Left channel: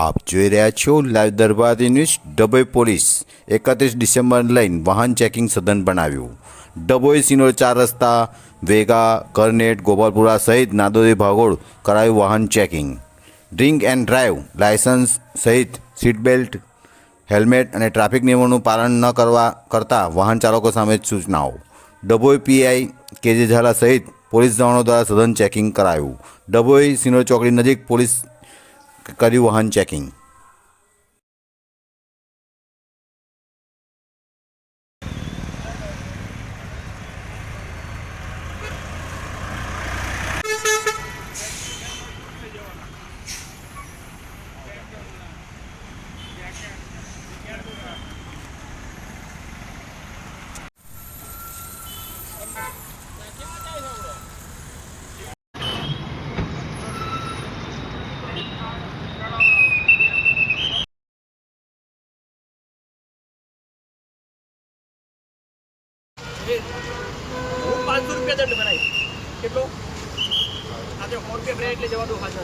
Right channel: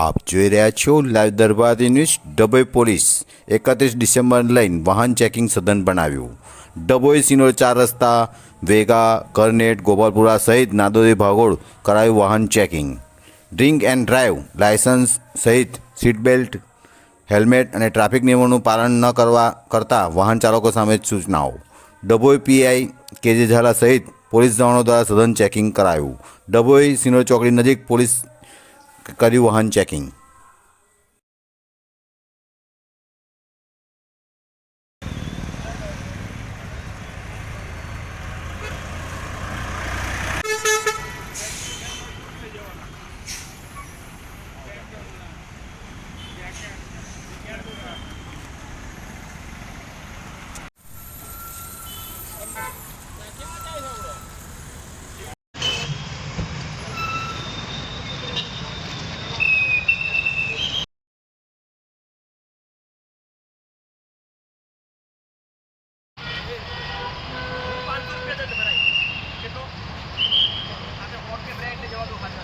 આપ જોઈ રહ્યા છો live Darbari news. Dabhoi police 31 December લઈને વાહન ચેકિંગ સઘન બનાવ્યું. ડભોઈ સિનોર 4 રસ્તા, વેગા, કરનેટ, ગોપાલપુરા સહિત નાદોદી ભાગોળ કરાયું વાહન checking. Drink and drive licence સહિત સીટ બેલ્ટ, હેલ્મેટ અને ટ્રાફિક નિયમોનું પાલન ન કરતા વાહન ચાલકો સામે સૂચનાઓ. ડભોઈ પીઆઈ કેજે ઝાલા સહિત પોલીસ જવાનો દ્વારા સઘન ચેકિંગ કરાયું. ડભોઈ સિનોર ચોકડી નજીક પોલીસ કર્યું વાહન ચેકિંગ. હું 500 રૂપિયા દંડ ભરાય કેટલો આજે ફોન પે એટલે જવા દો ખાતો